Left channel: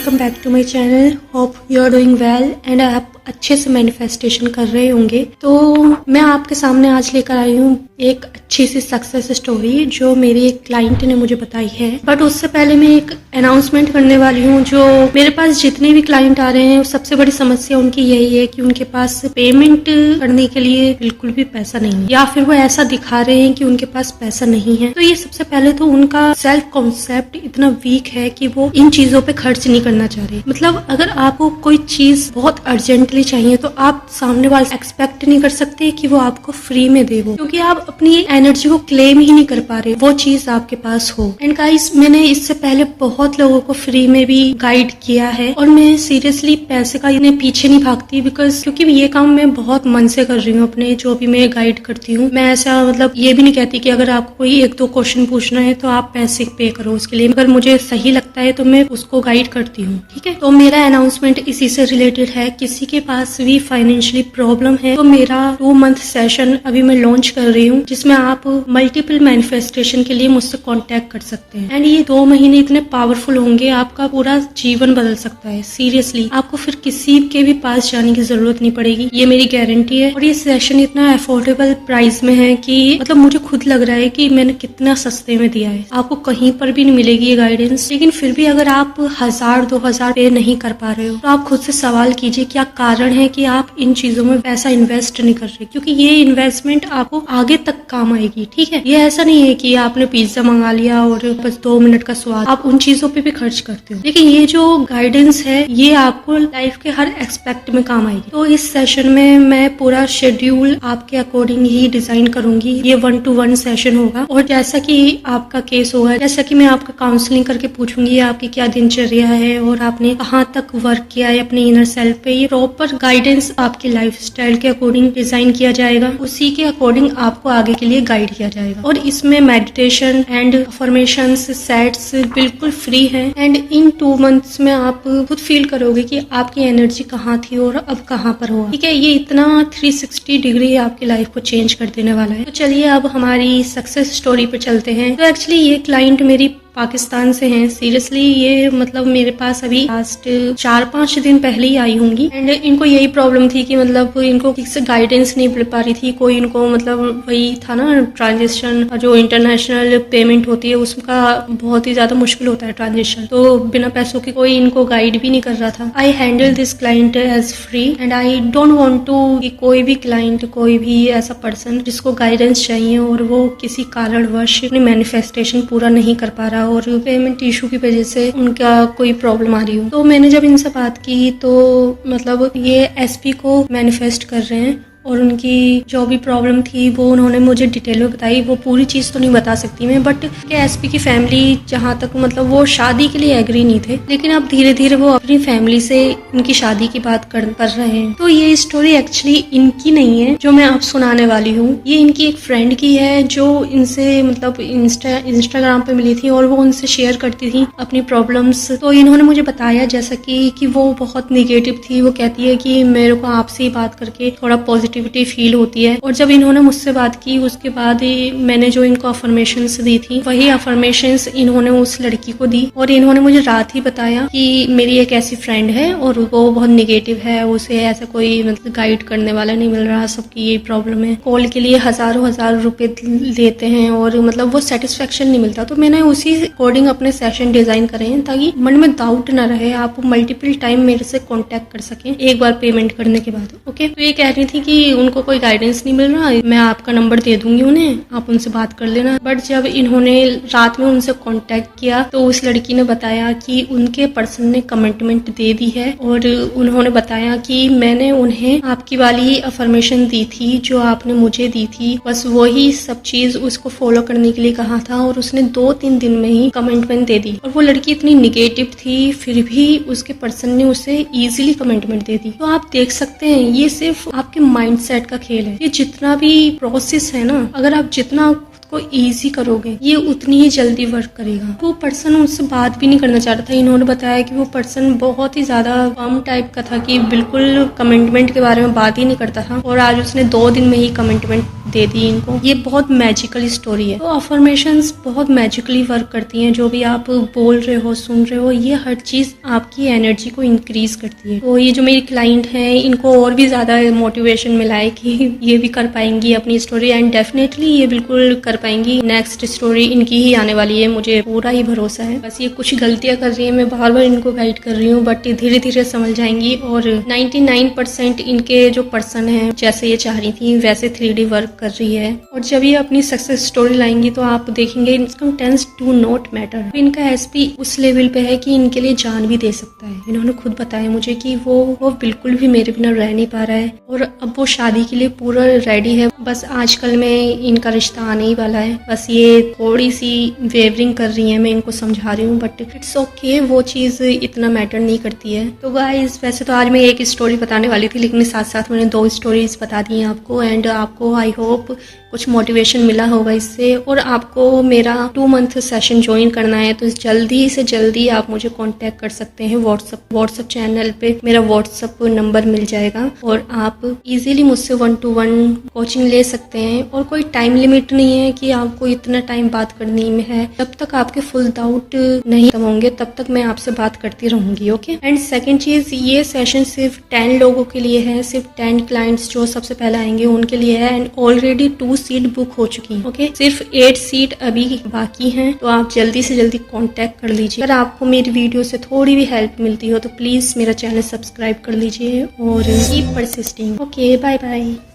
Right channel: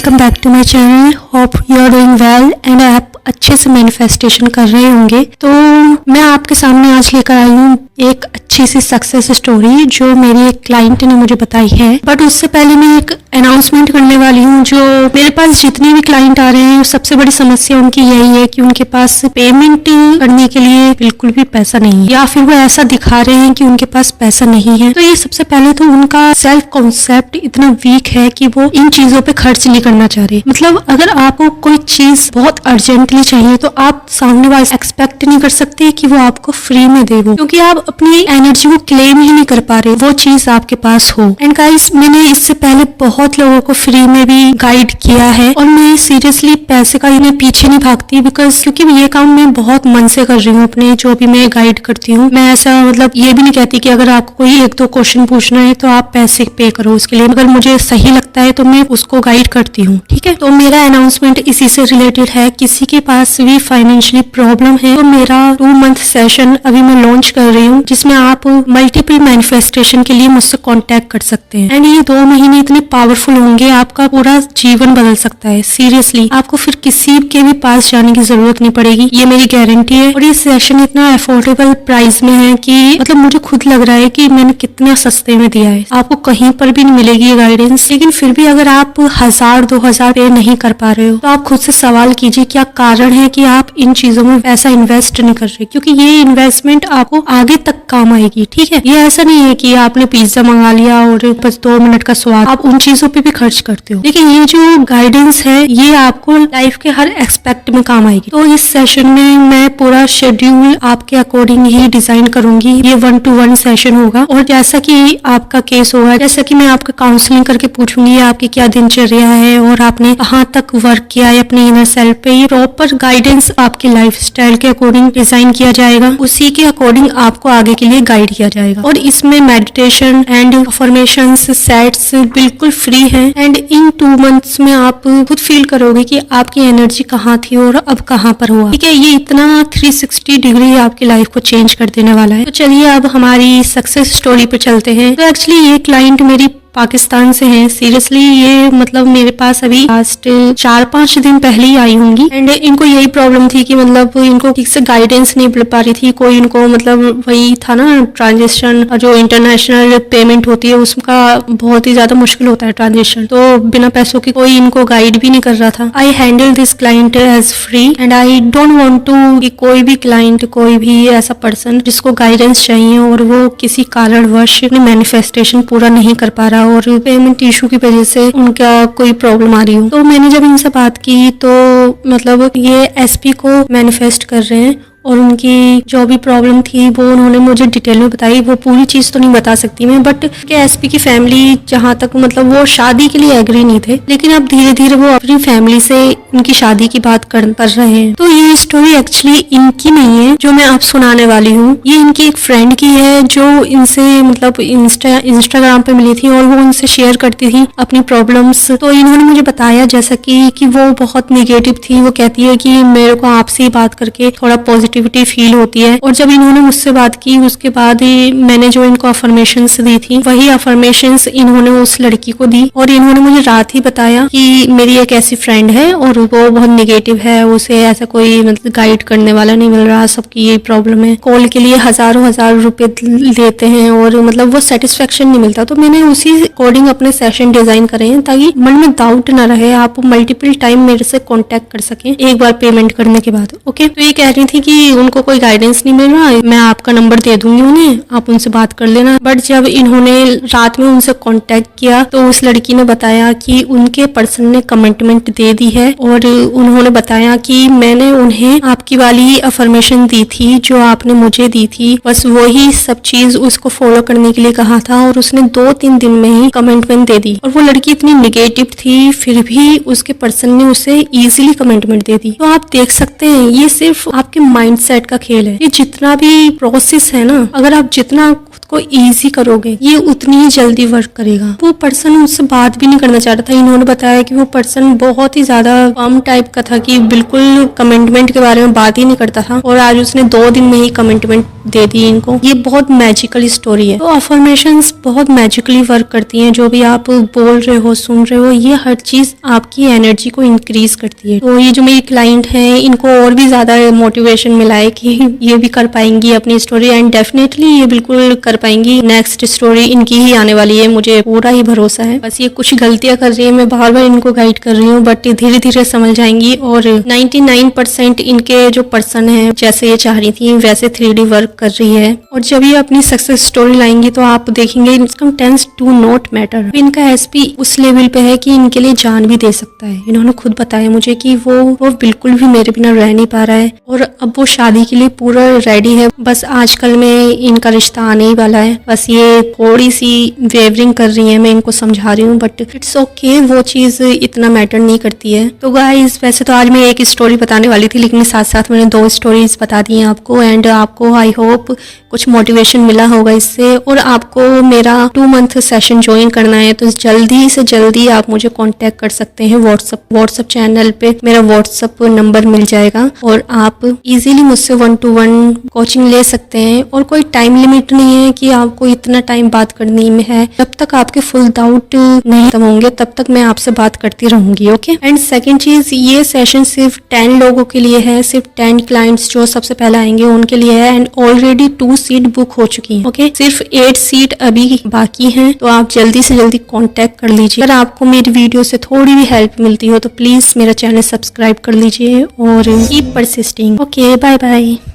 Welcome back to my channel. Hope you are doing well and आप अच्छे से manifestation कर रहे होंगे। तो मैं आपके सामने आज लेकर आई हूँ एक अच्छी सी सक्सेस स्टोरी जो मेरी एक क्लाइंट ने मुझे बताई है। बट उससे पहले मैं एक अनाउंसमेंट करने वाली हूँ। जो मेरे पास जितने भी क्लाइंट आ रहे हैं सबसे बड़ी समस्या उनकी यही है कि उनके पास पेमेंट करने के लिए बिल्कुल भी पैसा नहीं है, या फिर वो ऐसा दिखा रहे हैं कि उनके पास पैसा नहीं है। तो ये सबसे पहले तो उनका सेल्फ कॉन्सेप्ट इतना वीक है कि वो इन चीजों पे खर्च नहीं करना चाह रहे। मतलब अगर आपको कोई चीज बहुत अर्जेंटली चाहिए तो आप सामने वाले एक्सपेक्ट नहीं कर सकते कि वो आपको फ्री में दे, वो क्योंकि आप अपनी एनर्जी को क्लेम ही नहीं कर पा रहे वो चीज आपके पास हो। एंड गाइस, मैंने इससे पहले बहुत लोगों को फ्री में भी गाइड किया है और मैं सीरियसली पैसे का इन्हें पीछे नहीं भागती, बिकॉज क्योंकि ये काम मैं बहुत मन से कर रही हूँ अपने जो भी मैं गाइड करती हूँ। मैं ऐसा मतलब ये भी नहीं कहती कि अगर आपको कोई एक दो क्वेश्चन पूछना है तो आप पैसे पे करो उसके लिए। अगर मुझे सही लगता है तो मैं उसको गाइड करती हूँ, ठीक है। तो मेरा अनाउंसमेंट इसी से रिलेटेड है। किसी के पास भी फाइनेंशियली प्रॉब्लम है तो मेरा 2 मंथ सेशन अभी मैं लॉन्च कर रही हूँ, जिसमें आप मल्टीपल मैनिफेस्टेशन के लिए मुझसे कांटेक्ट कर सकते हैं। एंड ये 2 महीने इतने पावरफुल होंगे, आपका पूरा जीवन बदल सकता है। सीरियसली आपको फिर किसी के भी पास जाने की जरूरत नहीं पड़ेगी, ये मेरी गारंटी है। और ये सेशन इतना अफोर्डेबल प्राइस में है कि मतलब मुझे खुद लग रहा है कि मैंने कितना सस्ते में दिया है। आपको कहीं पर भी नहीं मिलेगी ये गाइडेंस। लेकिन फिर भी अगर आप 1000-2000 पे नहीं कर पा रहे हो तो आप खुद से सवाल कीजिए क्या कारण है कि आप इन चीजों में ऐसा इन्वेस्ट नहीं कर रहे, क्योंकि ये इन्वेस्टमेंट आपको आगे तक काम आएगी, ठीक है। ये ऐसा नहीं है कि आपने पिज्जा मंगा लिया और बस 2 मिनट का स्वाद, आप उन चीजों पे भी खर्च करते हो। लेकिन ये जो गाइडेंस है ये आपको लाइफ के हर एस्पेक्ट में काम आएगी। तो इस सेशन में मैं पूरा शेड्यूल आपके अकॉर्डिंग ही डिजाइन करूंगी। ये 1-to-1 सेशन होगा और जैसा कि आपका केस होगा, जैसा कि मैं आपका काउंसलिंग करके पूछूंगी आपकी क्या दिनचर्या है और आपने कहाँ तक वर्क किया है अपने इनर सेल्फ पे, ये प्रॉपर गाइडेंस आपके लाइफस्टाइल के अकॉर्डिंग डिजाइन किया जाएगा। उसी के अकॉर्डिंग आपको आगे के लिए गाइड किया जाएगा। और इसमें मेडिटेशन एंड अफर्मेशंस सेट्स बिल्कुल फ्री है। एंड इन 2 मंथ्स में आप खुद फील करोगे कि आपकी एनर्जी कहाँ थी और अब कहाँ पर हुआ, ठीक है। ये इतना 360 डिग्री आपकी लाइफ को चेंज कर देने वाला है। तो चलिए अब हमारी सक्सेस स्टोरी पे चलते हैं। तो एक्चुअली ये क्लाइंट मेरी पाकिस्तान से हैं। सीरियसली ये मतलब मेरे पास अभी लास्ट 4-5 दिन पहले ही आई होंगी। एंड इनको यही प्रॉब्लम थी कि मतलब इनको ठीक से गाइडेंस नहीं मिल पा रही थी। कोई इनको मतलब वही था ना, ट्रांजेक्शन जो इंटरनेशनल पेमेंट होती है उसका बहुत ही ज्यादा मुश्किल होता है ट्रांजेक्शन, तो बिना पैसों की कोई इनको गाइड भी नहीं कर रहा था। I handle this client as free and I don't want to कि कोई भी क्लाइंट, कोई भी ऐसा पर्सन जिसको गाइडेंस चाहिए और वो किसी कारणवश अपनी मैनिफेस्टेशन पूरा नहीं कर पा रहा और पेमेंट इशू की वजह से उनका कोई प्रॉब्लम आ रही हो। तो मैंने जब इनसे बात की तो मतलब ये एसपी को मैनिफेस्ट कर रहे हैं और उनकी जो भी प्रॉब्लम थी वो उन्होंने मुझे डिटेल में बताई। वो पूरी चीज तो नहीं बता सकती मैं, बट के एसपी की फैमिली जहाँ तक मतलब वो शादी के लिए एग्री नहीं थे, लेकिन अब धीरे धीरे वो अपनी फैमिली से उनकी शादी की बात कर रहे हैं। तो ये स्टोरी एक्चुअली इनकी नहीं है जो मैं आप सुनाने वाली हूँ, ये इनकी एक फ्रेंड की है जो इनसे मतलब इंस्टाग्राम पे मिली थी और वो उनसे शेयर करती थी अपनी प्रॉब्लम्स। तो इन्होंने मुझे बताया जैसा कि वो बहुत निगेटिव थी। वो कहती है कि मेरे को आपसे बात करके थोड़ा पॉजिटिविटी फील होती है। और जब इन्होंने मुझसे बात की उसके बाद मैंने जो इनको अफर्मेशंस दी थी वही अफर्मेशंस इन्होंने उस लड़की को दी। और इन्होंने मुझे रात ही बताया कि मेरी एक ऐसी फ्रेंड है और वो बहुत निगेटिव है, उसे ऐसा कोई मतलब गाइड करने वाला नहीं मिल रहा, सबकी ये प्रॉब्लम है, कॉल के लिए हजारों रुपए लेते हैं और मतलब वो सेटिस्फेक्शन नहीं मिलता। तो मैंने उसी अकॉर्डिंग अपने सेशन डिजाइन करे हैं ताकि मन में डाउट ना रहे, आप मल्टीपल टाइम मेरे से कॉन्टेक्ट कर सकें एक बार पेमेंट करने के बाद। ओके, तो ये कह रही थी कि उनको कोई गाइडेंस नहीं मिल रहा है, मैं आपका नंबर दे दूंगी उन्हें, आप उनसे बात कर लेना। बट जब इन्होंने रात में उनसे कांटेक्ट किया तो उस लड़की ने बताया कि उनके पर्सन ने कमिटमेंट दे दी है और उन्होंने बताया कि मैंने उन्हें आपकी वाली अफर्मेशन दी थी जो आपने मुझे दी थी, बस वही सब चीज उसको फॉलो करने के लिए कहा था और उसने 2-3 दिन में ही कमिटमेंट दे दी। और वो लड़की इतनी निगेटिव थी फिर भी उसके पर्सन ने उसे इजीली कमिटमेंट दे दी। तो आप देख सकते हैं ये सिर्फ आपके माइंडसेट का खेल है। ये जितना भी प्रोसेस है ना, अगर आप जितना को इजी करोगे ये उतनी ही जल्दी वर्क करेगा। वो पर्सन उससे बात भी नहीं करना चाहता था। इन्होंने बताया कि वो पर्सन बहुत ही ज्यादा कम टाइप का था कि बिल्कुल कमिटमेंट के बारे में बात ही नहीं करता था, और आज उसने 2 दिन में ही कमिटमेंट दे दी इनको। ये बहुत मैजिकल स्टोरी है। तो अफर्मेशंस बहुत मैजिकली वर्क करती हैं। जो भी आप बोल रहे हो, सुन रहे हो, ये हर चीज आपकी एनर्जी को इंक्रीज करती है। तो ये जो मेरी क्लाइंट है इनको और भी ज्यादा मोटिवेशन मिला है कि ये भी कर पाएंगी अपनी स्टोरी, एंड डेफिनेटली ये बिल्कुल कर पाएंगी। नेक्स्ट स्टोरी इनकी ही आने वाली है, मुझे पूरा ही भरोसा है। बस ये कुछ गलतियां कर रही है, मैं बार बार इनको गाइड कर रही हूँ, बट धीरे धीरे समझ जाएंगी। और 99% इनके जो पर्सन है जैसे ये चाह रही थी वैसे 3D वर्क कर रही है। और जब ये अपनी सक्सेस स्टोरी लाएंगी तो आप देखेंगे income tends do not matter. इनका एसपी उस लेवल पे है कि इनके लिए जान भी दे सकता है। इन्होंने खुद बताया मुझे कि वो बिल्कुल भी मेरे बिना रह नहीं पा रहा है, और अब वो शादी के लिए पूरा रेडी है। बस आजकल में इनका रिश्ता आने ही वाला है। बस ये थोड़ी सी वेवरिंग कर रही है, मैं इनको समझा रही हूँ, बट इट्स ओके, वो चीज इतना मैटर नहीं करती है। तो गाइस वैसे तो आज मैं एक स्टोरी बताने वाली थी, लेकिन साथ साथ मैंने 2 स्टोरीज बता दी हैं आपको, एंड आपको आई होप कुछ मोटिवेशन मिला होगा इससे। और आपको मेरा 2 मंथ सेशन ज्वाइन करना है तो जल्दी से जल्दी आप मुझे कांटेक्ट कर सकते हैं। व्हाट्सएप चैनल पे मेरा व्हाट्सएप नंबर मिल जाएगा, और आप इजीली मुझसे 1-to-1 कोचिंग ले सकते हैं। और कोई टाइम लिमिट नहीं है कि आपको इतना टाइम बात करनी में है। जब तक आपके फुल डाउट नहीं खत्म होंगे तब तक मैं आपसे बात करती रहूंगी। ओके। एंड सेकंड चीज, ये सेशन सिर्फ 10 लोगों के लिए है, सिर्फ 10 क्लाइंट्स जो सबसे पहले आएंगे उनके लिए है, एंड ऑलरेडी 2 सीट बुक हो चुकी है। ओके, सिर्फ 8 सीट अभी बाकी हैं, तो आप जल्दी से जल्दी कांटेक्ट कर लीजिए। अगर आपको मेरी वीडियो से थोड़ी भी हेल्प मिलती हो तो प्लीज मेरा चैनल सब्सक्राइब कर लीजिए और keep persisting. Okay, bye bye.